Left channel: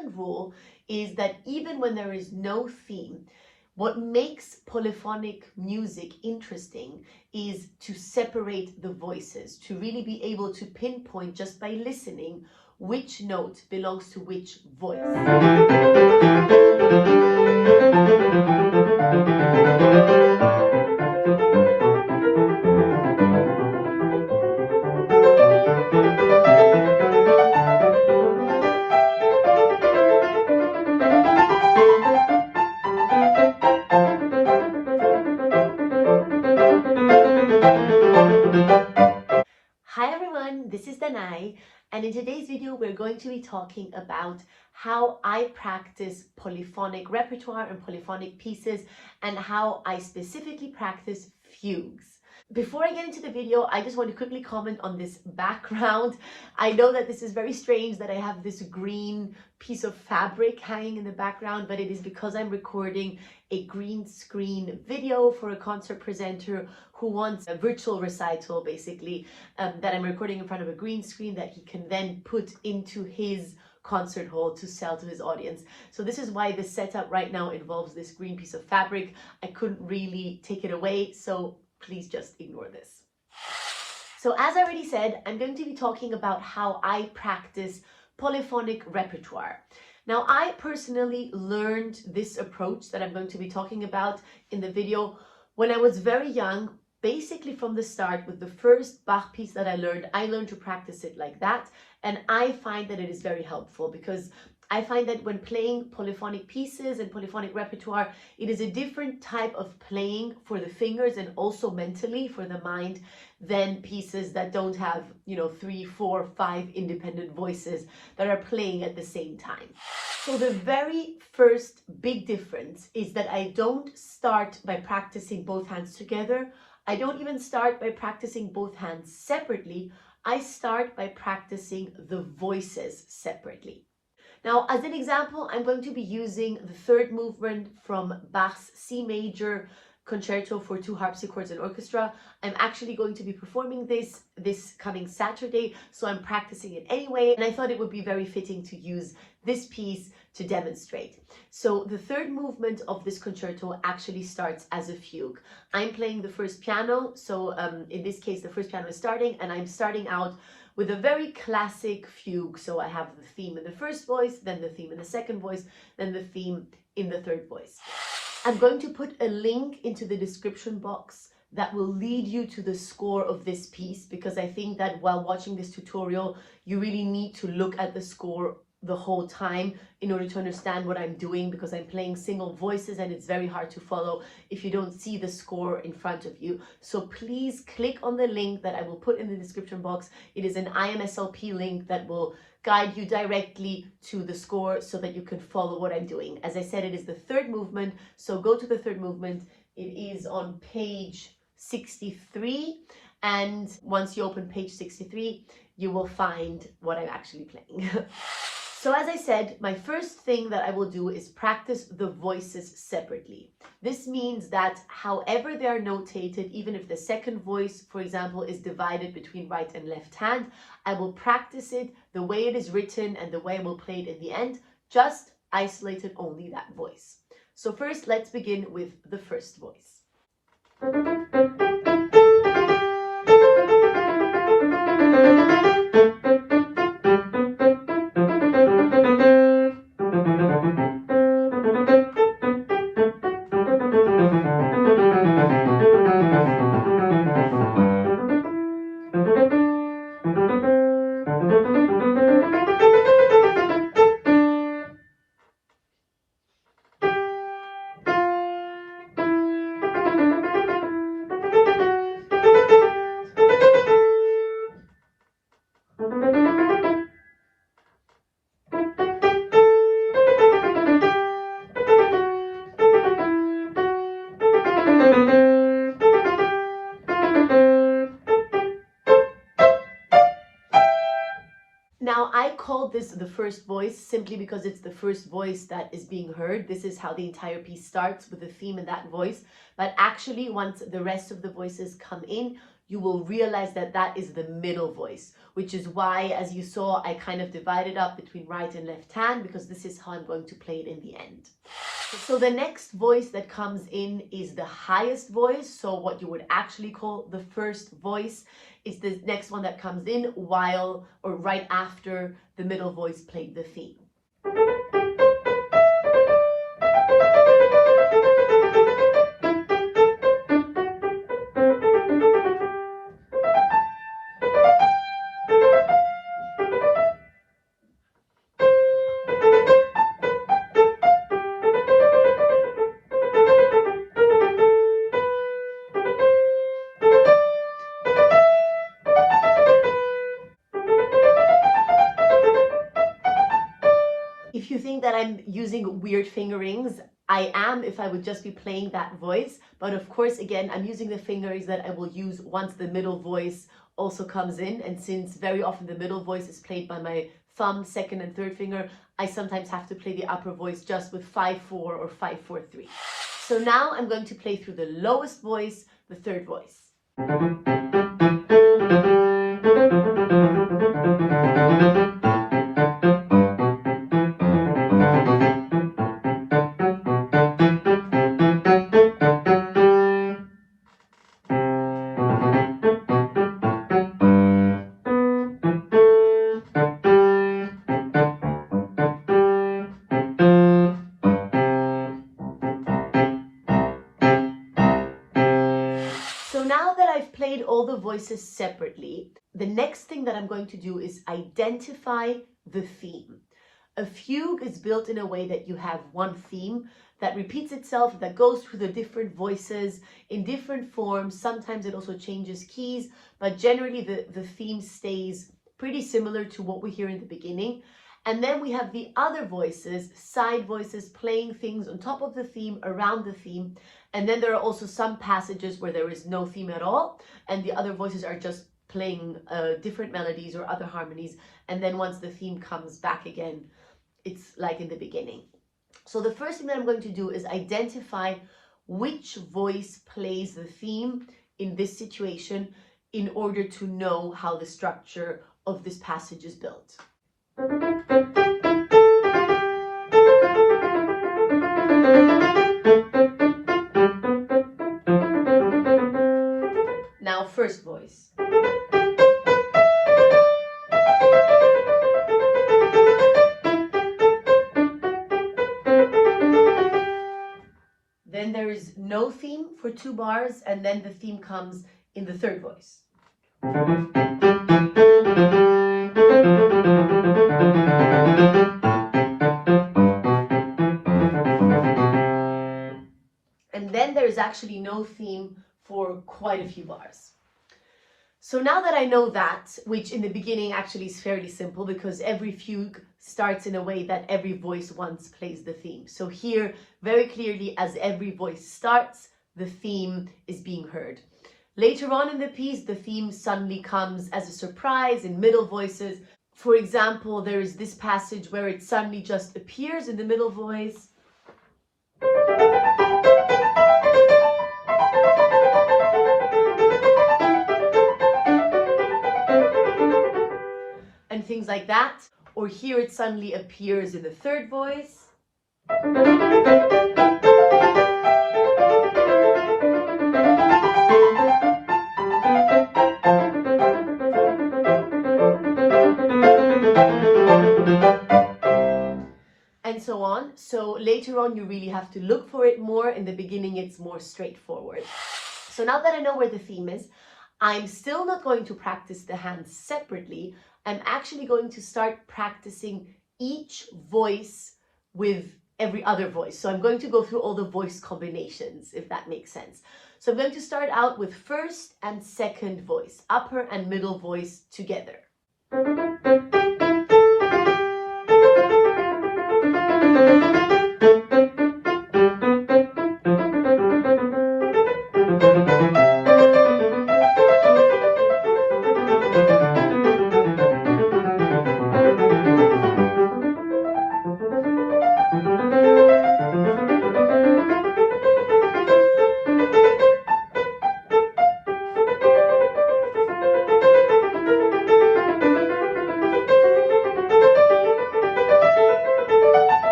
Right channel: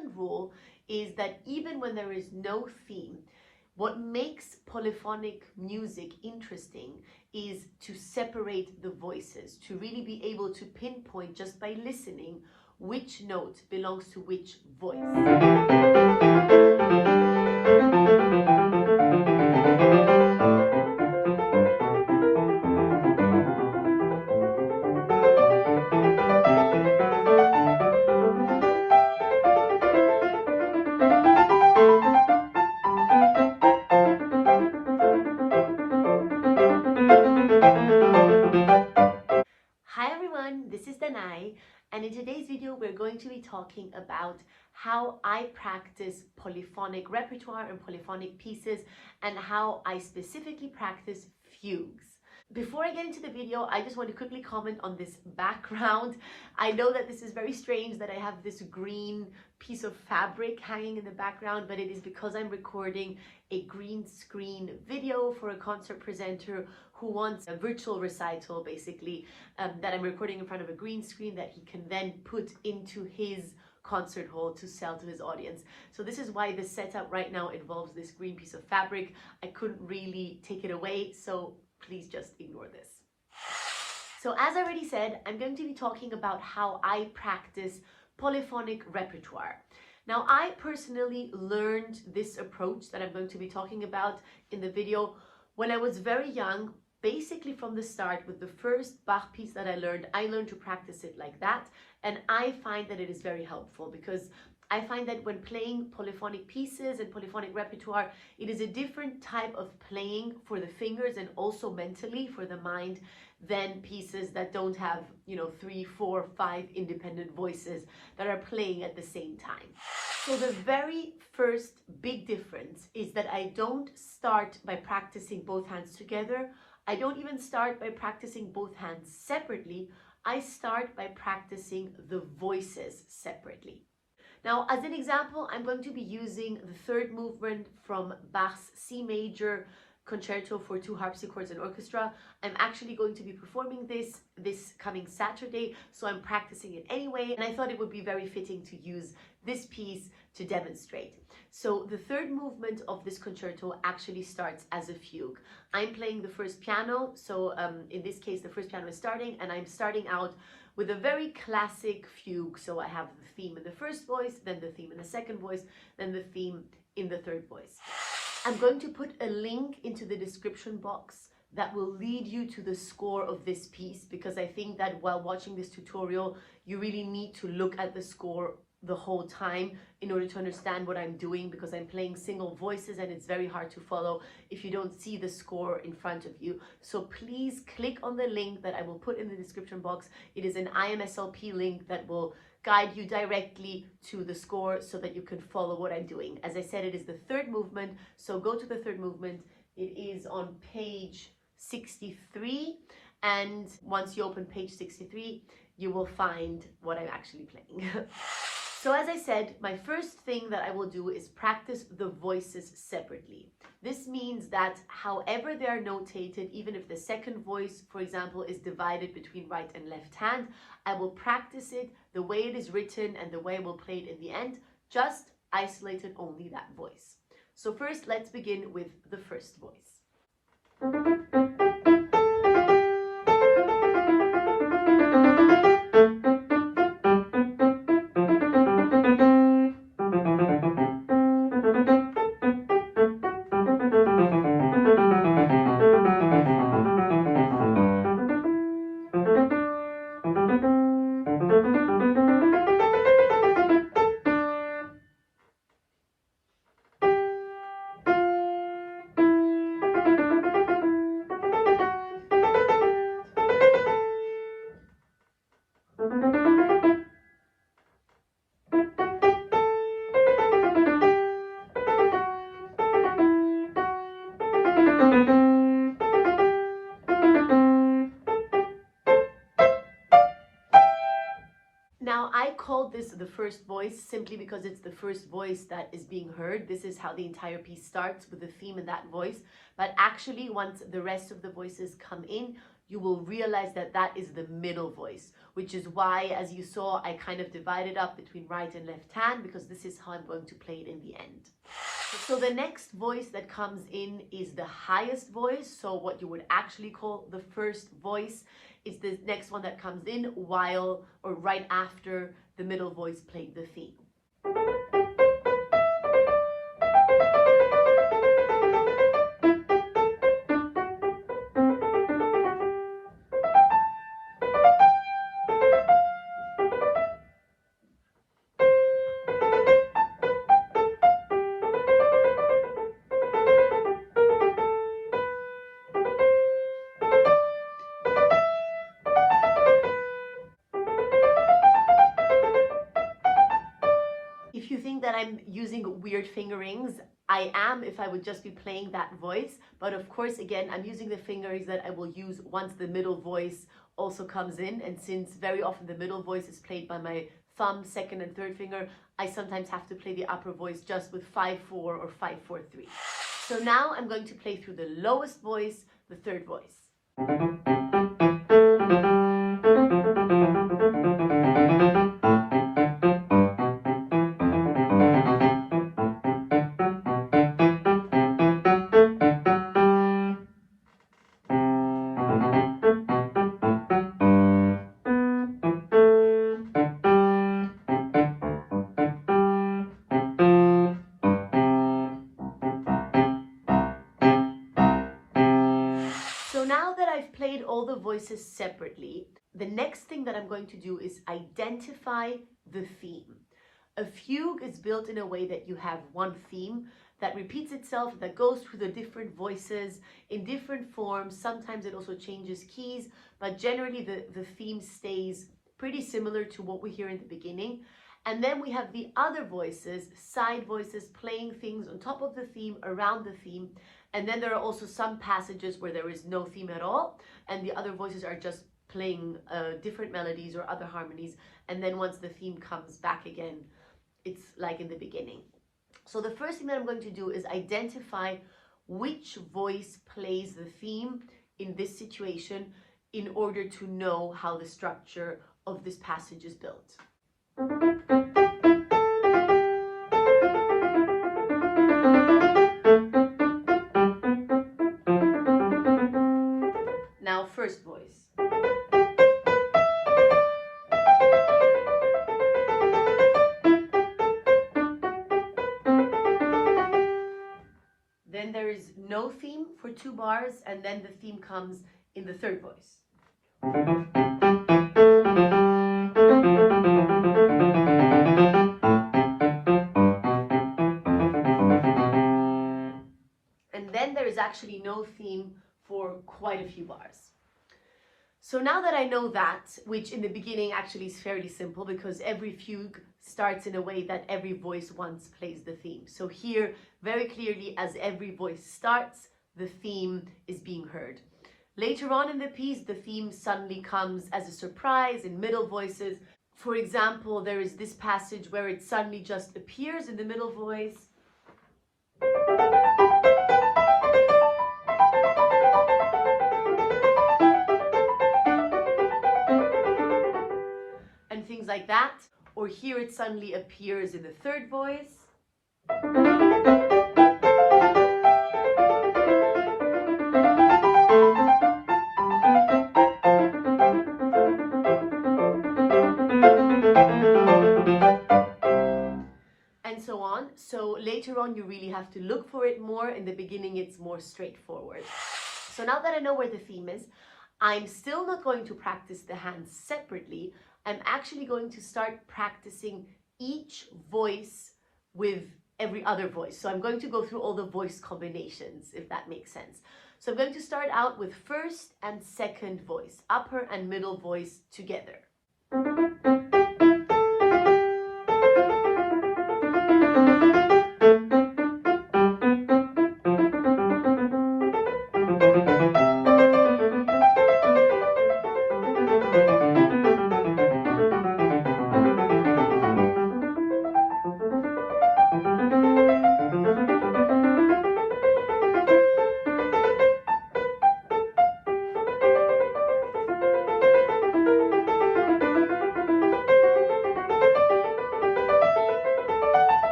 second rule is that even when there is no theme, what makes polyphonic music interesting is to separate the voices, to really be able to pinpoint just by listening which note belongs to which voice. Hi everyone, this is Danai, and in today's video we're going to be talking about how I practice polyphonic repertoire and polyphonic pieces and how I specifically practice fugues. Before I get into the video, I just want to quickly comment on this background. I know that this is very strange that I have this green piece of fabric hanging in the background, but it is because I'm recording a green screen video for a concert presenter who wants a virtual recital, basically, that I'm recording in front of a green screen that he can then put into his concert hall to sell to his audience. So this is why the setup right now involves this green piece of fabric. I couldn't really take it away, so please just ignore this. So as I already said, I'm going to be talking about how I practice polyphonic repertoire. Now, I personally learned this approach that I'm going to be talking about in the video when I was very young, basically from the start. With the first Bach piece that I learned to practice it like that. And I find that it is very helpful because I find that when playing polyphonic pieces and polyphonic repertoire, it is a different type of playing for the fingers and also mentally for the mind than pieces that don't have, 3, 4, 5 independent voices that are playing at the same time. So the very first big difference is that I don't start by practicing both hands together. I don't even start by practicing both hands separately. I start by practicing the voices separately. Now, as an example, I'm going to be using the third movement from Bach's C major concerto for 2 harpsichords and orchestra. I'm actually going to be performing this coming Saturday, so I'm practicing it anyway, and I thought it would be very fitting to use this piece to demonstrate. So the third movement of this concerto actually starts as a fugue. I'm playing the first piano, so in this case the first piano is starting, and I'm starting out with a very classic fugue. So I have the theme in the first voice, then the theme in the second voice, then the theme in the third voice. I'm going to put a link into the description box that will lead you to the score of this piece, because I think that while watching this tutorial, you really need to look at the score the whole time in order to understand what I'm doing, because I'm playing single voices and it's very hard to follow if you don't see the score in front of you. So please click on the link that I will put in the description box. It is an IMSLP link that will guide you directly to the score so that you can follow what I'm doing. As I said, it is the third movement, so go to the third movement. It is on page 63, and once you open page 63, you will find what I'm actually playing. So as I said, my first thing that I will do is practice the voices separately. This means that however they are notated, even if the second voice, for example, is divided between right and left hand, I will practice it the way it is written and the way I will play it in the end, just isolated only that voice. So first, let's begin with the first voice. Now, I called this the first voice simply because it's the first voice that is being heard. This is how the entire piece starts, with the theme in that voice. But actually, once the rest of the voices come in, you will realize that that is the middle voice. which is why, as you saw, I kind of divided up between right and left hand, because this is how I'm going to play it in the end. So the next voice that comes in is the highest voice. So what you would actually call the first voice is the next one that comes in while or right after the middle voice played the theme. If you think that I'm using weird fingerings, I am if I would just be playing that voice. But of course, again, I'm using the fingerings that I will use once the middle voice also comes in. And since very often the middle voice is played by my thumb, second and third finger, I sometimes have to play the upper voice just with 5-4 or 5-4-3. So now I'm going to play through the lowest voice, the third voice. So now that I've played all the voices separately, the next thing that I'm going to do is identify the theme. A fugue is built in a way that you have one theme that repeats itself, that goes through the different voices in different forms. Sometimes it also changes keys, but generally the theme stays pretty similar to what we hear in the beginning. And then we have the other voices, side voices, playing things on top of the theme, around the theme. And then there are also some passages where there is no theme at all, and the other voices are just playing different melodies or other harmonies. And then once the theme comes back again, it's like in the beginning. So the first thing that I'm going to do is identify which voice plays the theme in this situation in order to know how the structure of this passage is built. Now, first voice. Then there is no theme for 2 bars, and then the theme comes in the third voice. And then there is actually no theme for quite a few bars. So now that I know that, which in the beginning actually is fairly simple because every fugue starts in a way that every voice once plays the theme. So here, very clearly, as every voice starts, the theme is being heard. Later on in the piece, the theme suddenly comes as a surprise in middle voices. For example, there is this passage where it suddenly just appears in the middle voice. And things like that. Or here it suddenly appears in the third voice. And so on. So later on you really have to look for it more. In the beginning it's more straightforward. So now that I know where the theme is, I'm still not going to practice the hands separately. I'm actually going to start practicing each voice with every other voice. So I'm going to go through all the voice combinations, if that makes sense. So I'm going to start out with first and second voice, upper and middle voice together.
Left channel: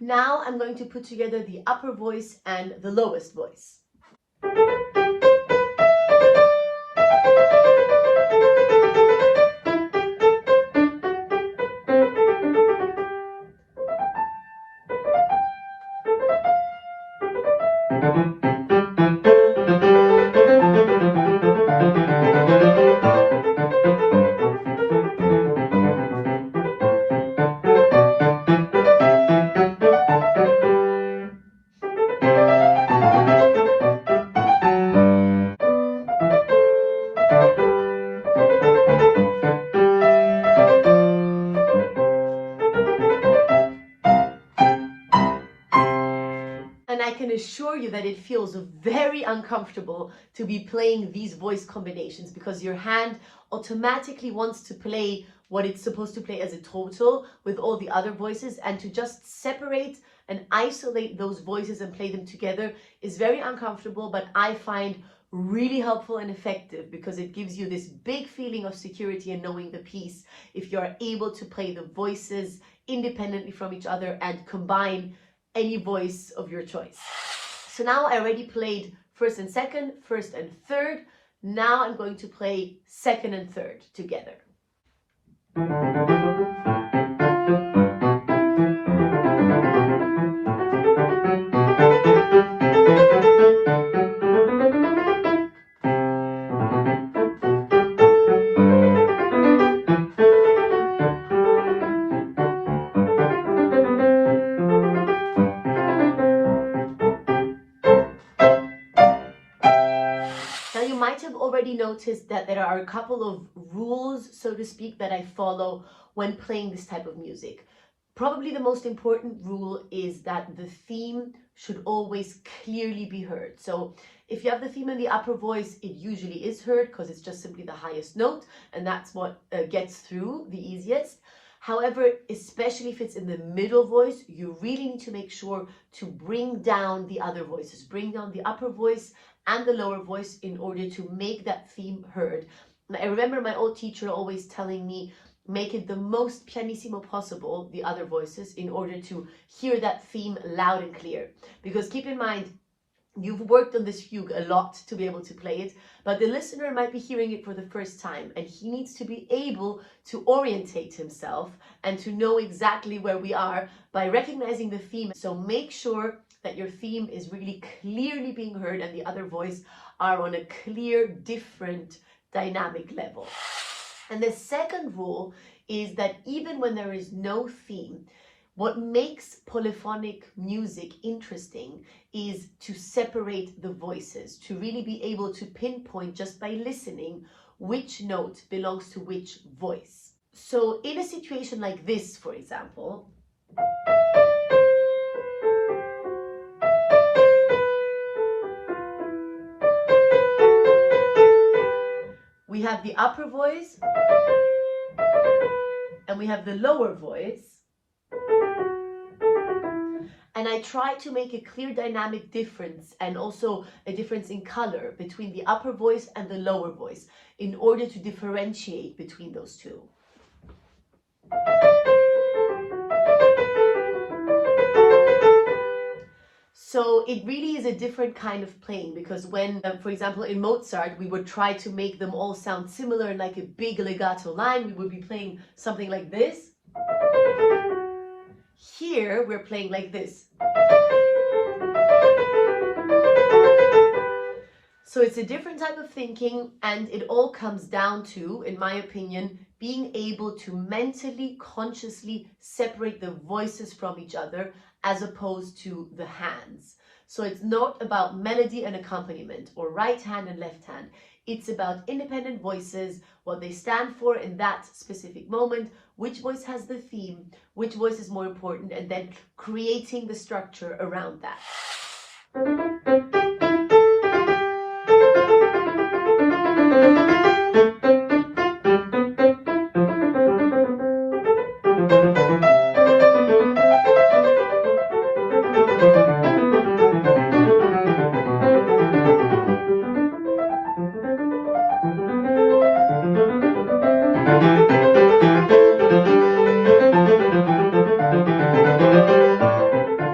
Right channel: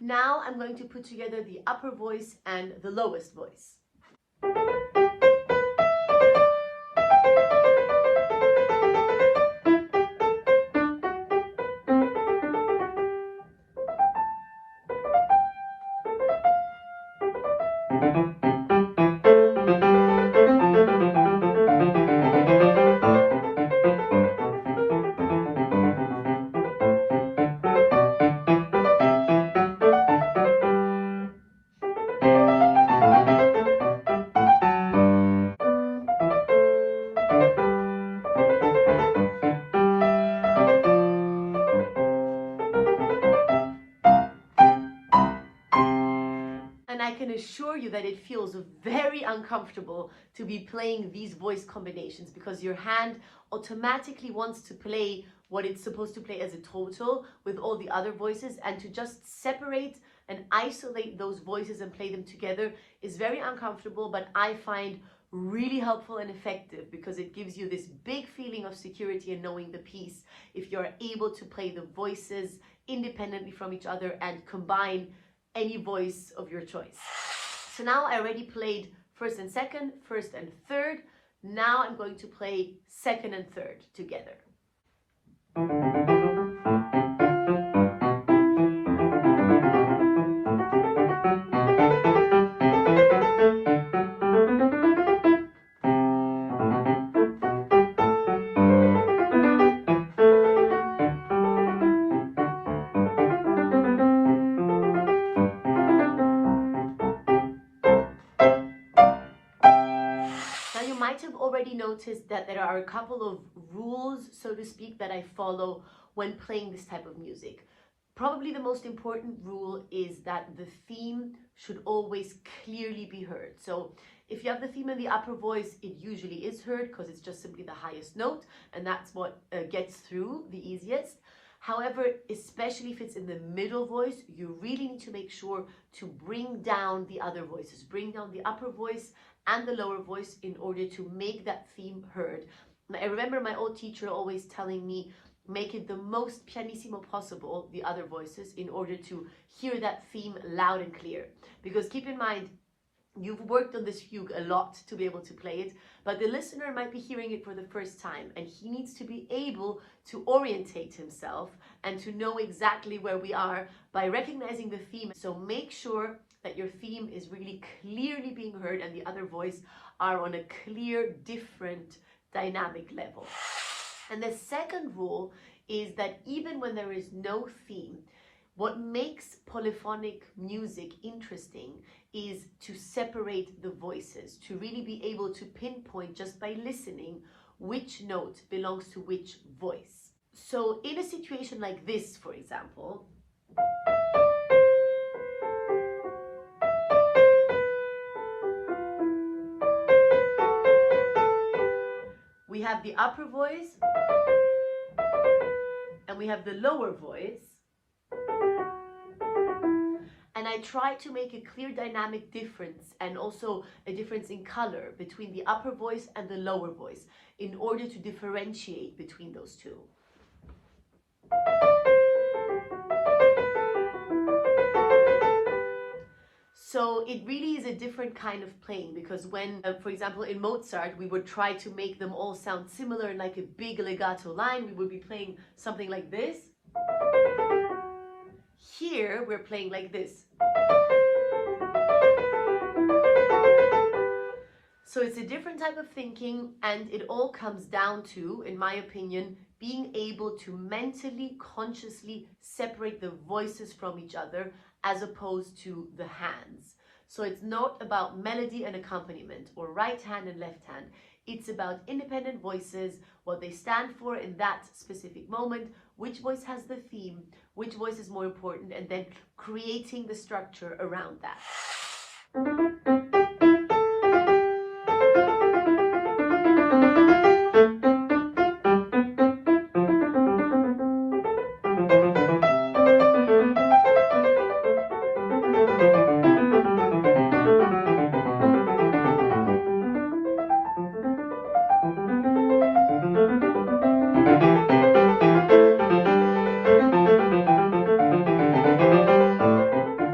Now I'm going to put together the upper voice and the lowest voice. And I can assure you that it feels very uncomfortable to be playing these voice combinations because your hand automatically wants to play what it's supposed to play as a total with all the other voices, and to just separate and isolate those voices and play them together is very uncomfortable, but I find really helpful and effective because it gives you this big feeling of security and knowing the piece if you're able to play the voices independently from each other and combine any voice of your choice. So now I already played first and second, first and third. Now I'm going to play second and third together. Now you might have already noticed that there are a couple of rules, so to speak, that I follow when playing this type of music. Probably the most important rule is that the theme should always clearly be heard. So if you have the theme in the upper voice, it usually is heard because it's just simply the highest note, and that's what gets through the easiest. However, especially if it's in the middle voice, you really need to make sure to bring down the other voices, bring down the upper voice and the lower voice in order to make that theme heard. And I remember my old teacher always telling me, make it the most pianissimo possible, the other voices, in order to hear that theme loud and clear. Because keep in mind, you've worked on this fugue a lot to be able to play it, but the listener might be hearing it for the first time, and he needs to be able to orientate himself and to know exactly where we are by recognizing the theme. So make sure that your theme is really clearly being heard and the other voice are on a clear, different dynamic level. And the second rule is that even when there is no theme, what makes polyphonic music interesting is to separate the voices, to really be able to pinpoint just by listening which note belongs to which voice. So in a situation like this, for example, we have the upper voice and we have the lower voice. And I try to make a clear dynamic difference and also a difference in color between the upper voice and the lower voice in order to differentiate between those two. So it really is a different kind of playing, because when, for example, in Mozart, we would try to make them all sound similar in like a big legato line. We would be playing something like this. Here, we're playing like this. So it's a different type of thinking, and it all comes down to, in my opinion, being able to mentally, consciously separate the voices from each other as opposed to the hands. So it's not about melody and accompaniment or right hand and left hand. It's about independent voices, what they stand for in that specific moment, which voice has the theme, which voice is more important, and then creating the structure around that.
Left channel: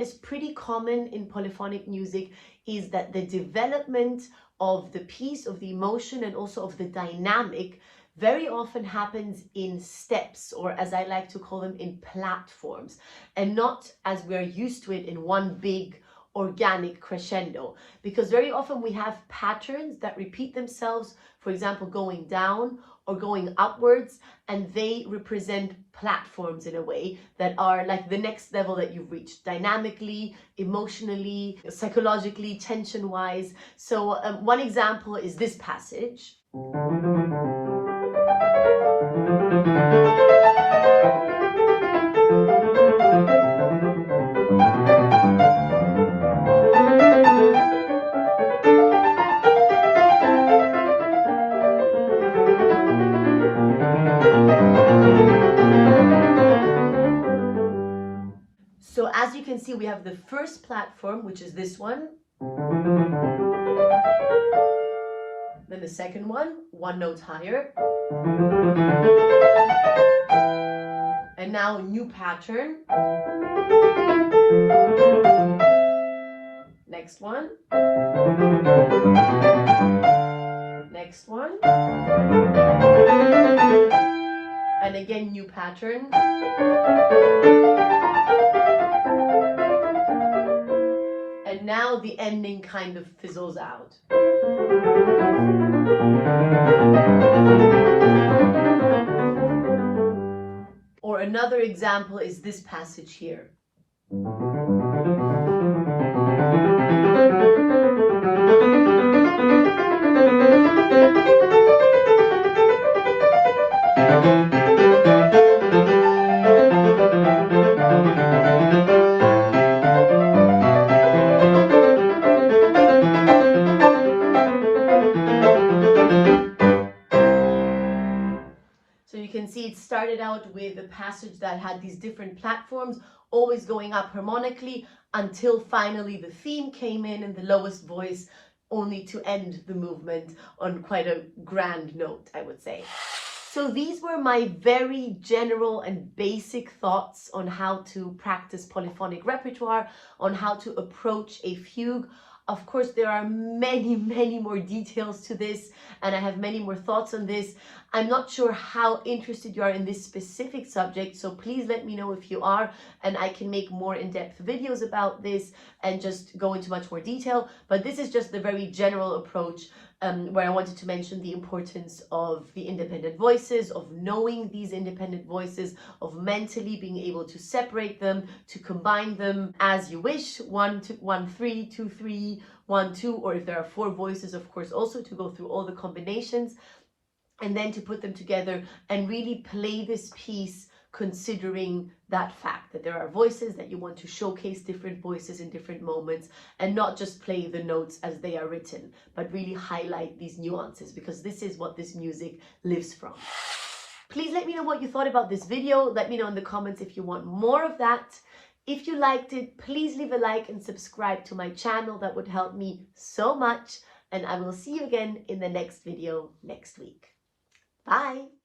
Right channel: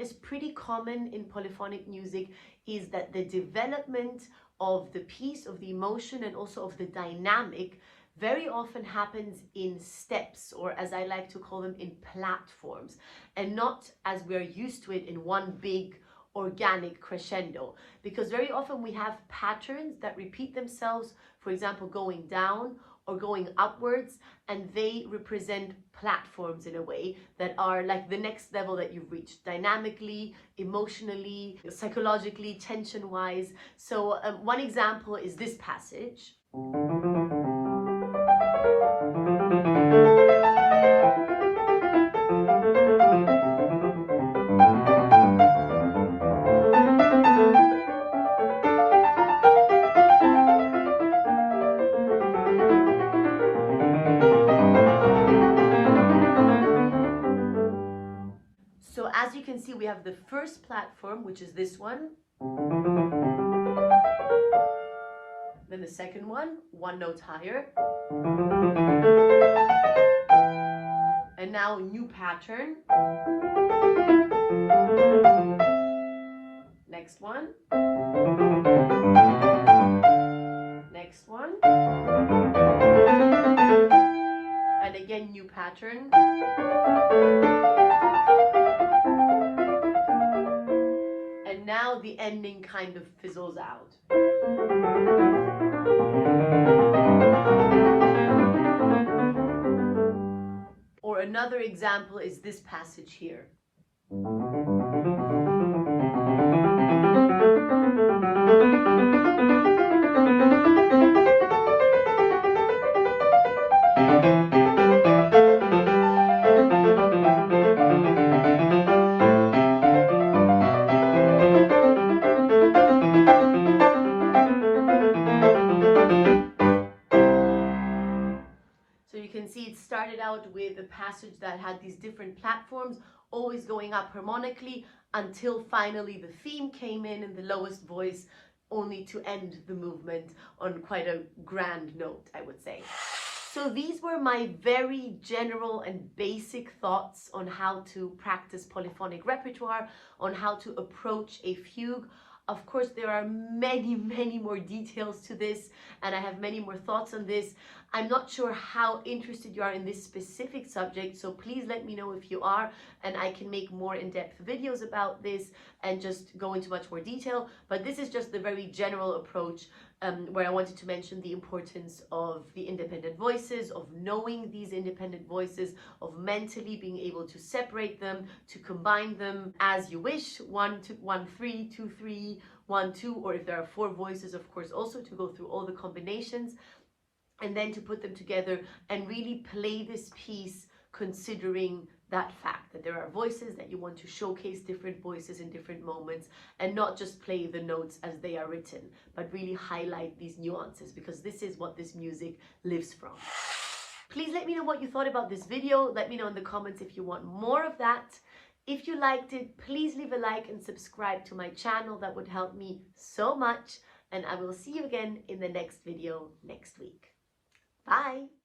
that is pretty common in polyphonic music is that the development of the piece, of the emotion, and also of the dynamic very often happens in steps, or as I like to call them, in platforms, and not as we're used to it in one big organic crescendo. Because very often we have patterns that repeat themselves, for example, going down or going upwards, and they represent platforms in a way that are like the next level that you've reached dynamically, emotionally, psychologically, tension-wise. So one example is this passage. So as you can see, we have the first platform, which is this one. Then the second one note higher. And now a new pattern. Next one. Next one. And again, new pattern. And now the ending kind of fizzles out. Or another example is this passage here. So you can see it started out with a passage that had these different platforms, always going up harmonically, until finally the theme came in the lowest voice, only to end the movement on quite a grand note, I would say. So these were my very general and basic thoughts on how to practice polyphonic repertoire, on how to approach a fugue. Of course, there are many, many more details to this, and I have many more thoughts on this. I'm not sure how interested you are in this specific subject, so please let me know if you are, and I can make more in-depth videos about this and just go into much more detail. But this is just the very general approach where I wanted to mention the importance of the independent voices, of knowing these independent voices, of mentally being able to separate them, to combine them as you wish, 1, 2, 1, 3, 2, 3, 1, 2, or if there are 4 voices, of course, also to go through all the combinations, and then to put them together and really play this piece considering that fact that there are voices, that you want to showcase different voices in different moments, and not just play the notes as they are written, but really highlight these nuances, because this is what this music lives from. Please let me know what you thought about this video. Let me know in the comments if you want more of that. If you liked it, please leave a like and subscribe to my channel. That would help me so much. And I will see you again in the next video next week. Bye.